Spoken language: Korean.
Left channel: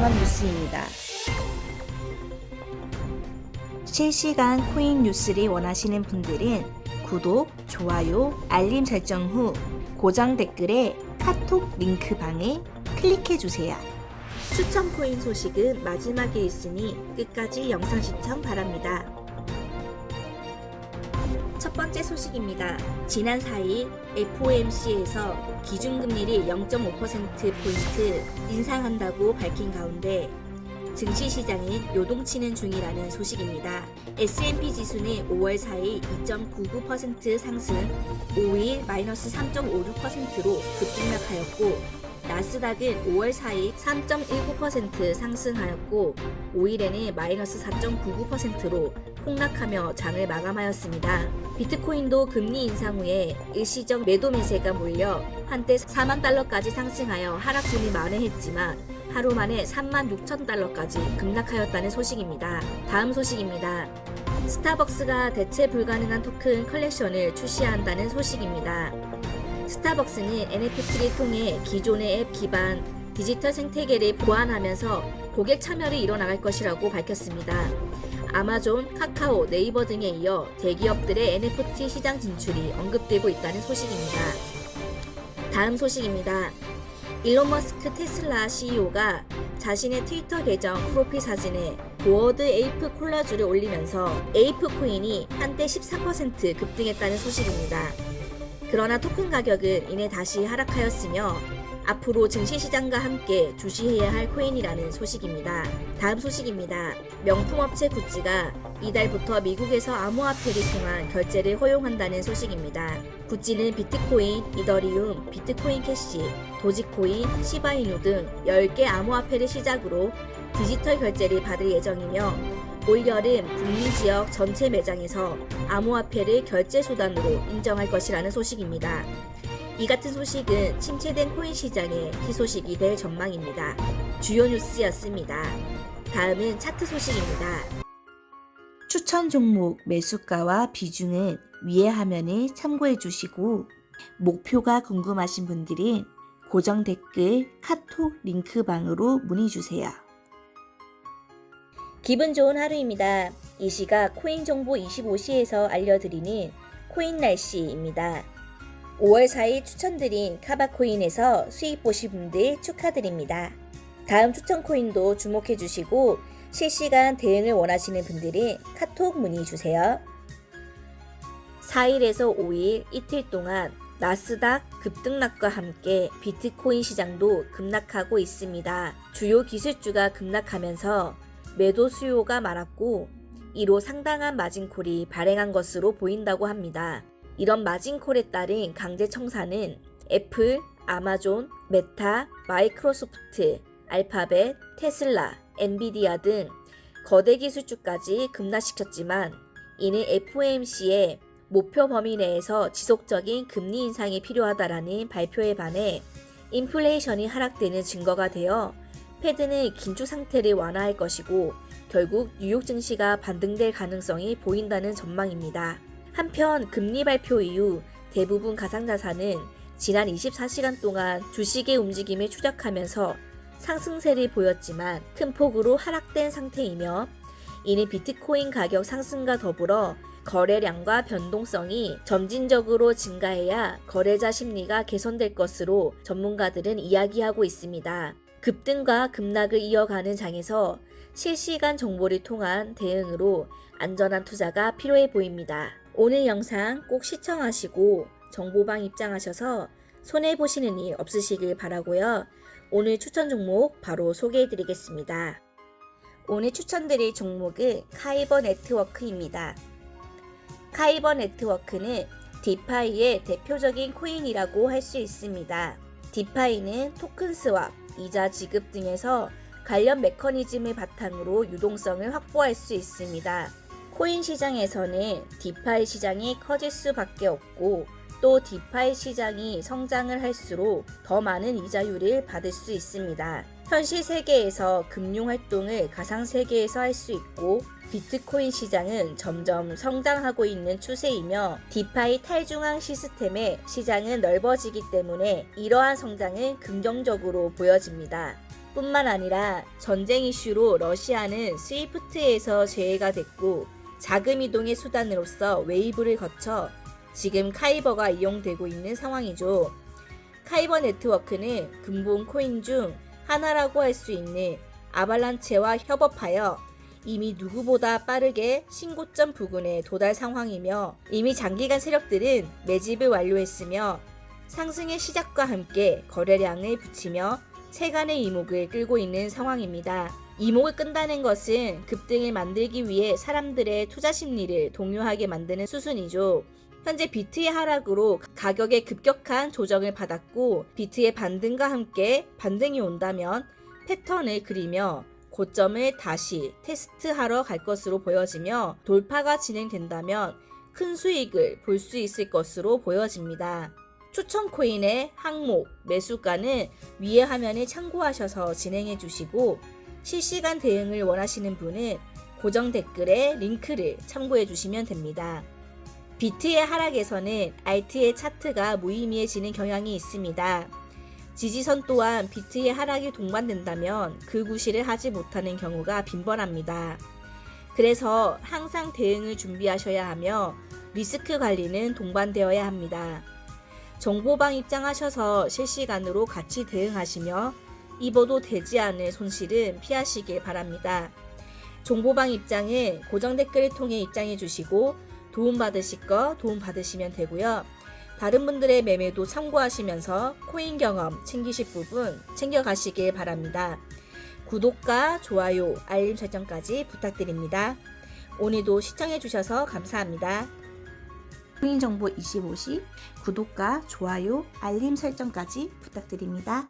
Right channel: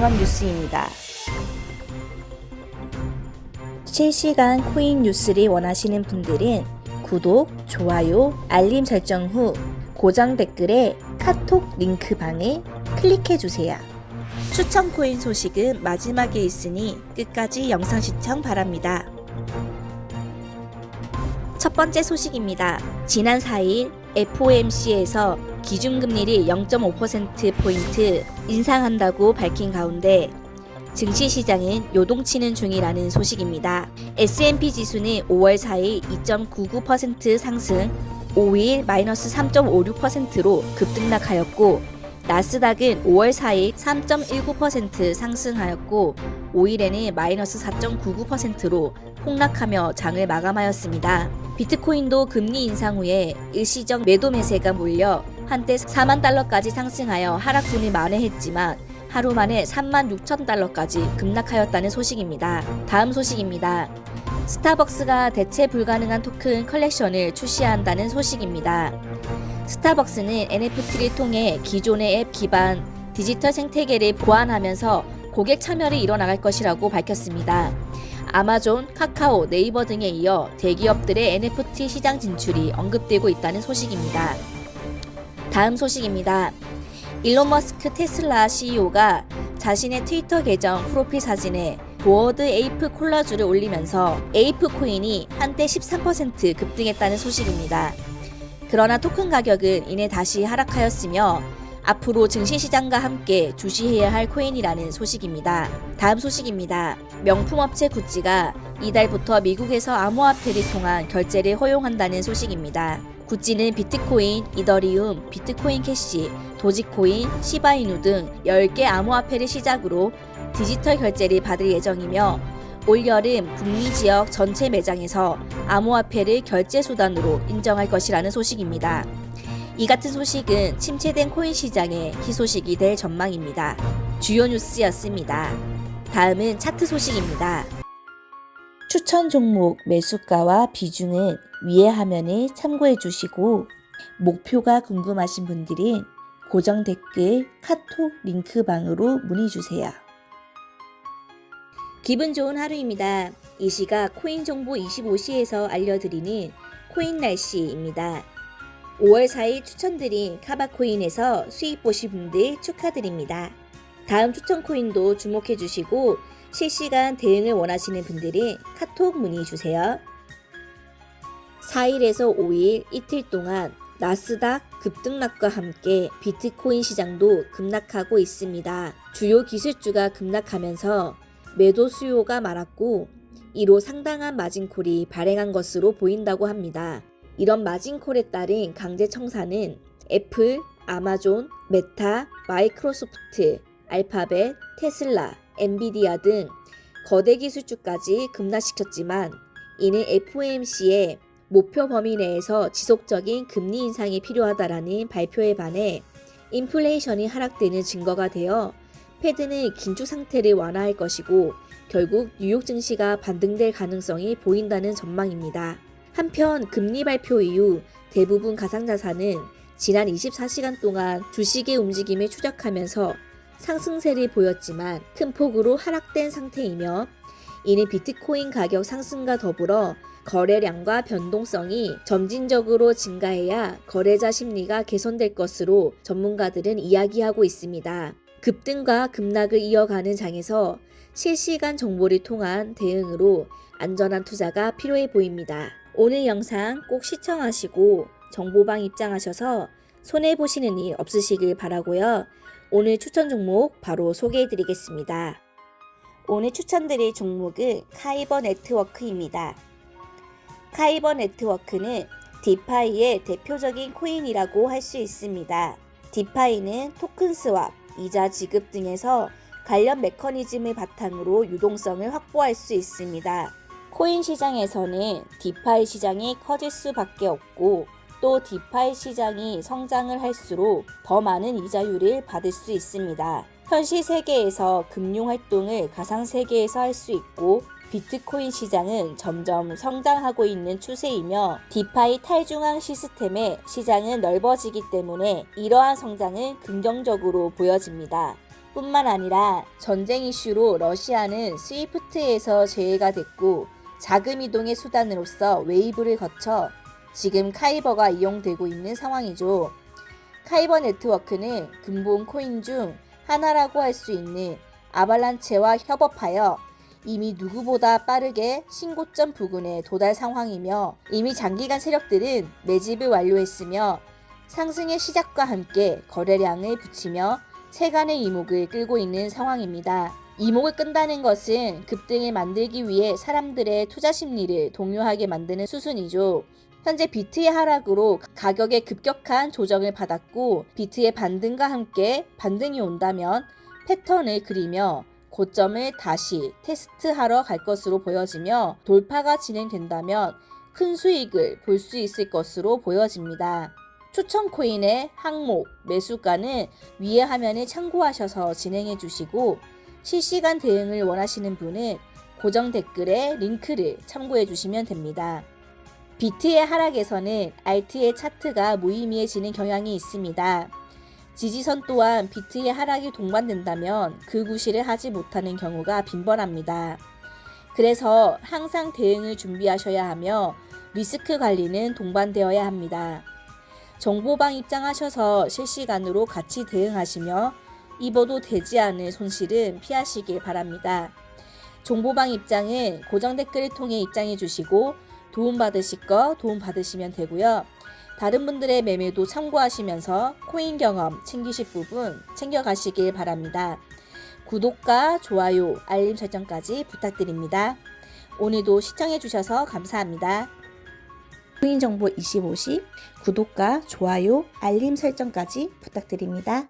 종합 뉴스입니다. 실시간 코인 뉴스를 원하시는 분들은 구독, 좋아요, 알림 설정 후 고정 댓글에 카톡 링크방을 클릭해 주세요. 추천 코인 소식은 마지막에 있으니 끝까지 영상 시청 바랍니다. 첫 번째 소식입니다. 지난 4일 FOMC에서 기준금리를 0.5%포인트 인상한다고 밝힌 가운데 증시 시장은 요동치는 중이라는 소식입니다. S&P 지수는 5월 4일 2.99% 상승, 5일 마이너스 3.56%로 급등락하였고 나스닥은 5월 4일 3.19% 상승하였고 5일에는 마이너스 4.99%로 폭락하며 장을 마감하였습니다. 비트코인도 금리 인상 후에 일시적 매도 매세가 몰려 한때 4만 달러까지 상승하여 하락세를 만회했지만 하루 만에 3만 6천 달러까지 급락하였다는 소식입니다. 다음 소식입니다. 스타벅스가 대체 불가능한 토큰 컬렉션을 출시한다는 소식입니다. 스타벅스는 NFT를 통해 기존의 앱 기반 디지털 생태계를 보완하면서 고객 참여를 이뤄나갈 것이라고 밝혔습니다. 아마존, 카카오, 네이버 등에 이어 대기업들의 NFT 시장 진출이 언급되고 있다는 소식입니다. 다음 소식입니다. 일론 머스크 테슬라 CEO가 자신의 트위터 계정 프로필 사진에 보어드 에이프 콜라주를 올리면서 에이프 코인이 한때 13% 급등했다는 소식입니다. 그러나 토큰 가격은 이내 다시 하락하였으며 앞으로 증시시장과 함께 주시해야 할 코인이라는 소식입니다. 다음 소식입니다. 명품업체 구찌가 이달부터 미국에서 암호화폐를 통한 결제를 허용한다는 소식입니다. 구찌는 비트코인, 이더리움, 비트코인 캐시, 도지코인, 시바이누 등 10개 암호화폐를 시작으로 디지털 결제를 받을 예정이며 올여름 북미 지역 전체 매장에서 암호화폐를 결제 수단으로 인정할 것이라는 소식입니다. 이 같은 소식은 침체된 코인 시장의 희소식이 될 전망입니다. 주요 뉴스였습니다. 다음은 차트 소식입니다. 추천 종목 매수가와 비중은 위의 화면을 참고해 주시고 목표가 궁금하신 분들은 고정 댓글 카톡 링크방으로 문의 주세요. 기분 좋은 하루입니다. 이 시각 코인 정보 25시에서 알려드리는 코인 날씨입니다. 5월 4일 추천드린 카바코인에서 수익 보신 분들 축하드립니다. 다음 추천 코인도 주목해 주시고 실시간 대응을 원하시는 분들은 카톡 문의 주세요. 4일에서 5일 이틀 동안 나스닥 급등락과 함께 비트코인 시장도 급락하고 있습니다. 주요 기술주가 급락하면서 매도 수요가 많았고 이로 상당한 마진콜이 발행한 것으로 보인다고 합니다. 이런 마진콜에 따른 강제 청산은 애플, 아마존, 메타, 마이크로소프트, 알파벳, 테슬라, 엔비디아 등 거대 기술주까지 급락시켰지만 이는 FOMC의 목표 범위 내에서 지속적인 금리 인상이 필요하다라는 발표에 반해 인플레이션이 하락되는 증거가 되어 패드는 긴축 상태를 완화할 것이고 결국 뉴욕 증시가 반등될 가능성이 보인다는 전망입니다. 한편 금리 발표 이후 대부분 가상자산은 지난 24시간 동안 주식의 움직임을 추적하면서 상승세를 보였지만 큰 폭으로 하락된 상태이며 이는 비트코인 가격 상승과 더불어 거래량과 변동성이 점진적으로 증가해야 거래자 심리가 개선될 것으로 전문가들은 이야기하고 있습니다. 급등과 급락을 이어가는 장에서 실시간 정보를 통한 대응으로 안전한 투자가 필요해 보입니다. 오늘 영상 꼭 시청하시고 정보방 입장하셔서 손해 보시는 일 없으시길 바라고요. 오늘 추천 종목 바로 소개해 드리겠습니다. 오늘 추천드릴 종목은 카이버 네트워크입니다. 카이버 네트워크는 디파이의 대표적인 코인이라고 할 수 있습니다. 디파이는 토큰 스왑, 이자 지급 등에서 관련 메커니즘을 바탕으로 유동성을 확보할 수 있습니다. 코인 시장에서는 디파이 시장이 커질 수밖에 없고 또 디파이 시장이 성장을 할수록 더 많은 이자율을 받을 수 있습니다. 현실 세계에서 금융 활동을 가상 세계에서 할 수 있고 비트코인 시장은 점점 성장하고 있는 추세이며 디파이 탈중앙 시스템의 시장은 넓어지기 때문에 이러한 성장은 긍정적으로 보여집니다. 뿐만 아니라 전쟁 이슈로 러시아는 스위프트에서 제외가 됐고 자금 이동의 수단으로서 웨이브를 거쳐 지금 카이버가 이용되고 있는 상황이죠. 카이버 네트워크는 근본 코인 중 하나라고 할 수 있는 아발란체와 협업하여 이미 누구보다 빠르게 신고점 부근에 도달 상황이며 이미 장기간 세력들은 매집을 완료했으며 상승의 시작과 함께 거래량을 붙이며 세간의 이목을 끌고 있는 상황입니다. 이목을 끈다는 것은 급등을 만들기 위해 사람들의 투자 심리를 동요하게 만드는 수순이죠. 현재 비트의 하락으로 가격의 급격한 조정을 받았고 비트의 반등과 함께 반등이 온다면 패턴을 그리며 고점을 다시 테스트하러 갈 것으로 보여지며 돌파가 진행된다면 큰 수익을 볼 수 있을 것으로 보여집니다. 추천 코인의 항목, 매수가는 위의 화면을 참고하셔서 진행해 주시고 실시간 대응을 원하시는 분은 고정 댓글에 링크를 참고해 주시면 됩니다. 비트의 하락에서는 알트의 차트가 무의미해지는 경향이 있습니다. 지지선 또한 비트의 하락이 동반된다면 그 구실을 하지 못하는 경우가 빈번합니다. 그래서 항상 대응을 준비하셔야 하며 리스크 관리는 동반되어야 합니다. 정보방 입장하셔서 실시간으로 같이 대응하시며 입어도 되지 않을 손실은 피하시길 바랍니다. 정보방 입장은 고정 댓글을 통해 입장해 주시고 도움받으실 거 도움받으시면 되고요. 다른 분들의 매매도 참고하시면서 코인 경험 챙기실 부분 챙겨가시길 바랍니다. 구독과 좋아요, 알림 설정까지 부탁드립니다. 오늘도 시청해주셔서 감사합니다. 코인 정보 25시 구독과 좋아요, 알림 설정까지 부탁드립니다.